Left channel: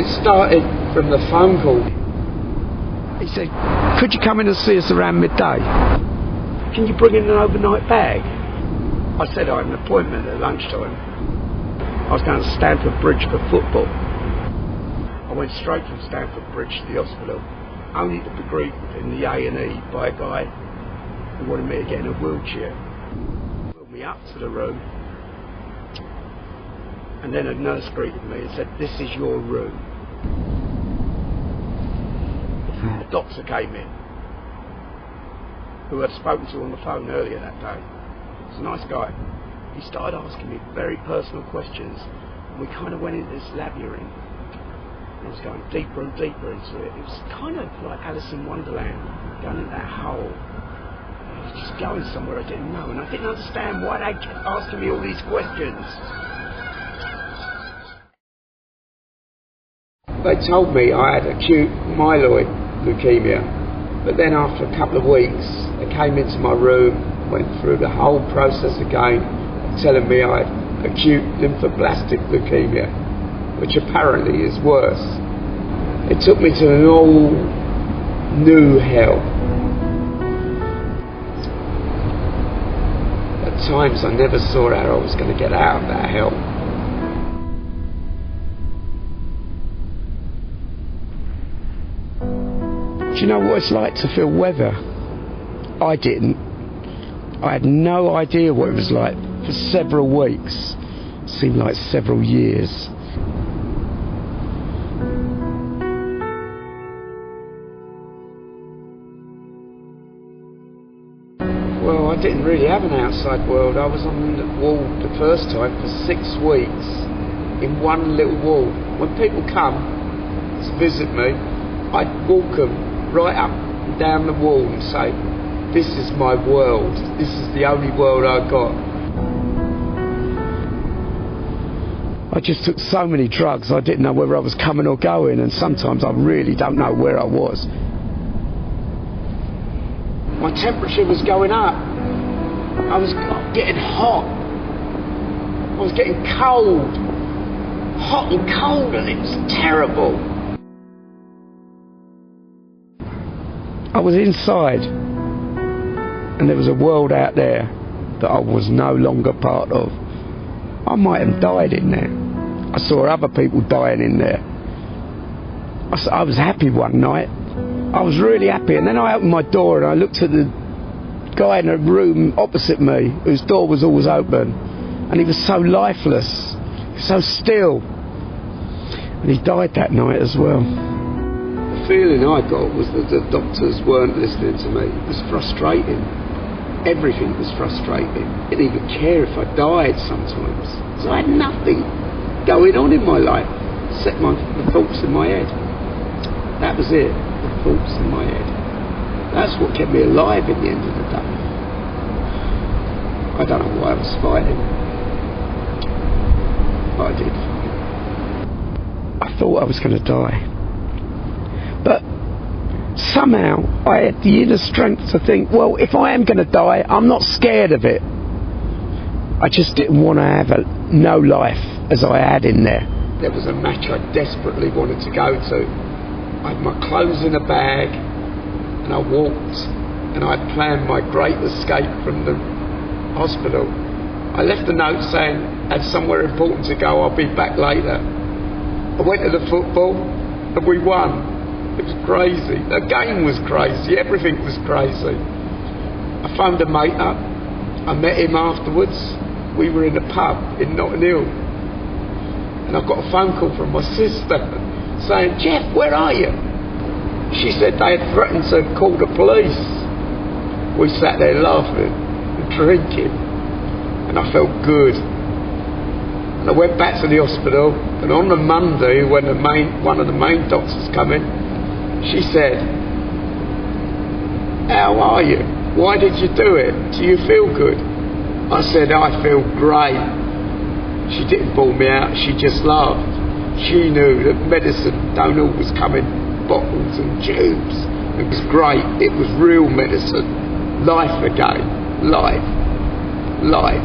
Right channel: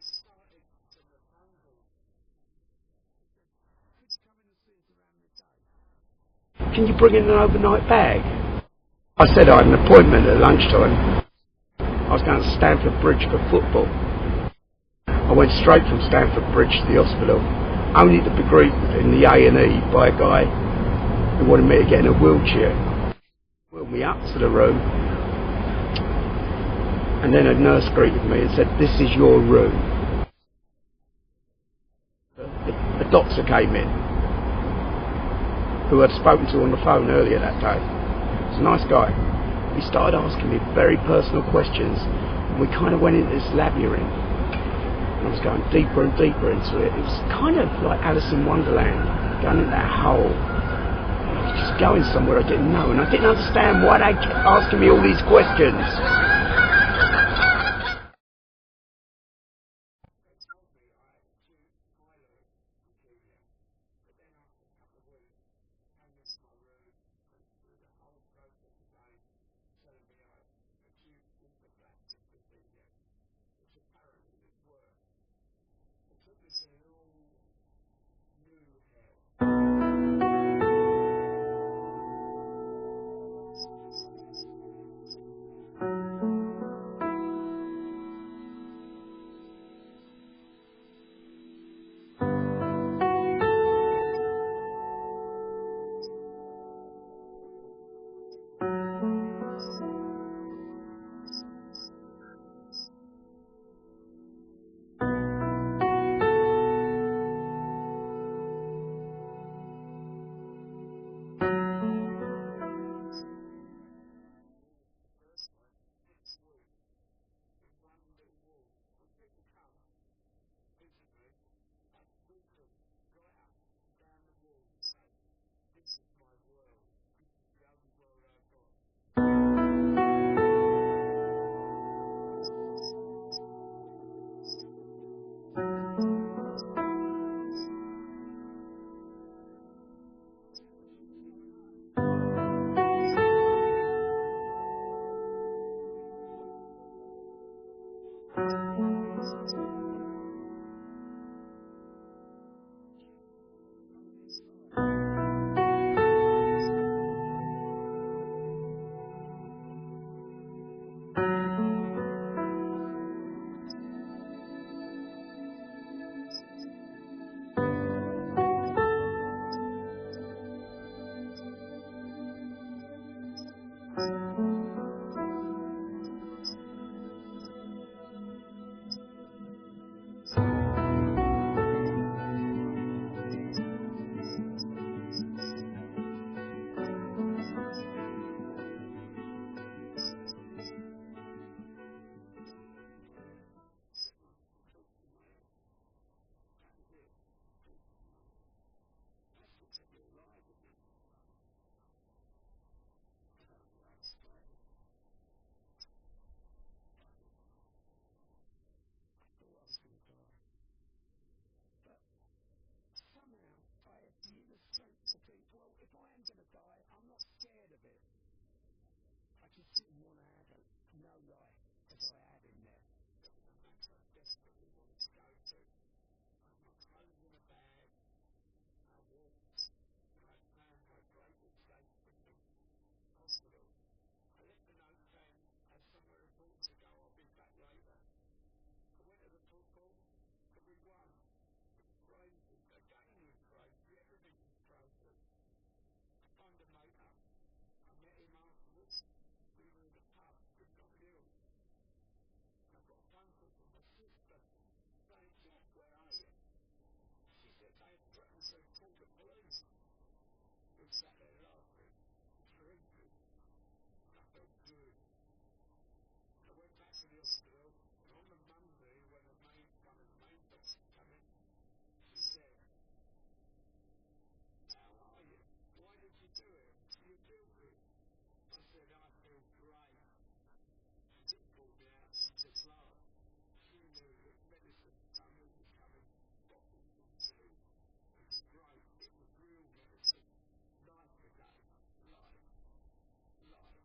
It started from the phone call. He said, could you come in and see us around midday? Can you bring in an overnight bag? I said I had an appointment at lunchtime. I was going to Stamford Bridge for football. I went straight from Stamford Bridge to the hospital, only to be greeted in the A&E by a guy who wanted me to get in a wheelchair. Wheeled me up to the room, and then a nurse greeted me and said, this is your room. The doctor came in, who I'd spoken to on the phone earlier that day. He was a nice guy. He started asking me very personal questions, and we kind of went into this labyrinth. And I was going deeper and deeper into it. It was kind of like Alice in Wonderland, going in that hole. And I was just going somewhere I didn't know, and I didn't understand why they kept asking me all these questions. They told me I had acute myeloid leukemia, but then after a couple of weeks, they came into my room, went through the whole process again, telling me I had acute lymphoblastic leukemia, which apparently is worse. It took me to an all new hell. At times I never saw how I was going to get out of that hell. Do you know what it's like to feel weather? I didn't. I had no idea what it was like for several weeks. It seemed like several years. Well, I didn't really have an outside world. I was on the ward the first time for 6 weeks in one little ward. When people come to visit me, I'd walk them right up and down the wall and say, this is my world, this is the only world I've got. I just took so many drugs I didn't know whether I was coming or going, and sometimes I really don't know where I was. My temperature was going up. I was getting hot. I was getting cold. Hot and cold, and it was terrible. I was inside, and there was a world out there that I was no longer part of. I might have died in there. I saw other people dying in there. I was happy one night. I was really happy, and then I opened my door and I looked at the guy in a room opposite me, whose door was always open, and he was so lifeless, so still, and he died that night as well. The feeling I got was that the doctors weren't listening to me. It was frustrating. Everything was frustrating. I didn't even care if I died sometimes. So I had nothing going on in my life except the thoughts in my head. That was it, the thoughts in my head. That's what kept me alive at the end of the day. I don't know why I was fighting, but I did fight. I thought I was going to die. But somehow I had the inner strength to think, well, if I am going to die, I'm not scared of it. I just didn't want to have no life as I had in there. There was a match I desperately wanted to go to. I had my clothes in a bag, and I walked, and I had planned my great escape from the hospital. I left a note saying, I had somewhere important to go, I'll be back later. I went to the football, and we won. It was crazy. The game was crazy. Everything was crazy. I phoned a mate up. I met him afterwards. We were in a pub in Notting Hill. And I got a phone call from my sister saying, Jeff, where are you? She said they had threatened to call the police. We sat there laughing and drinking. And I felt good. And I went back to the hospital. And on the Monday, when one of the main doctors come in, she said, how are you? Why did you do it? Do you feel good? I said, I feel great. She didn't ball me out, she just laughed. She knew that medicine don't always come in bottles and tubes. It was great, it was real medicine. Life again, life, life.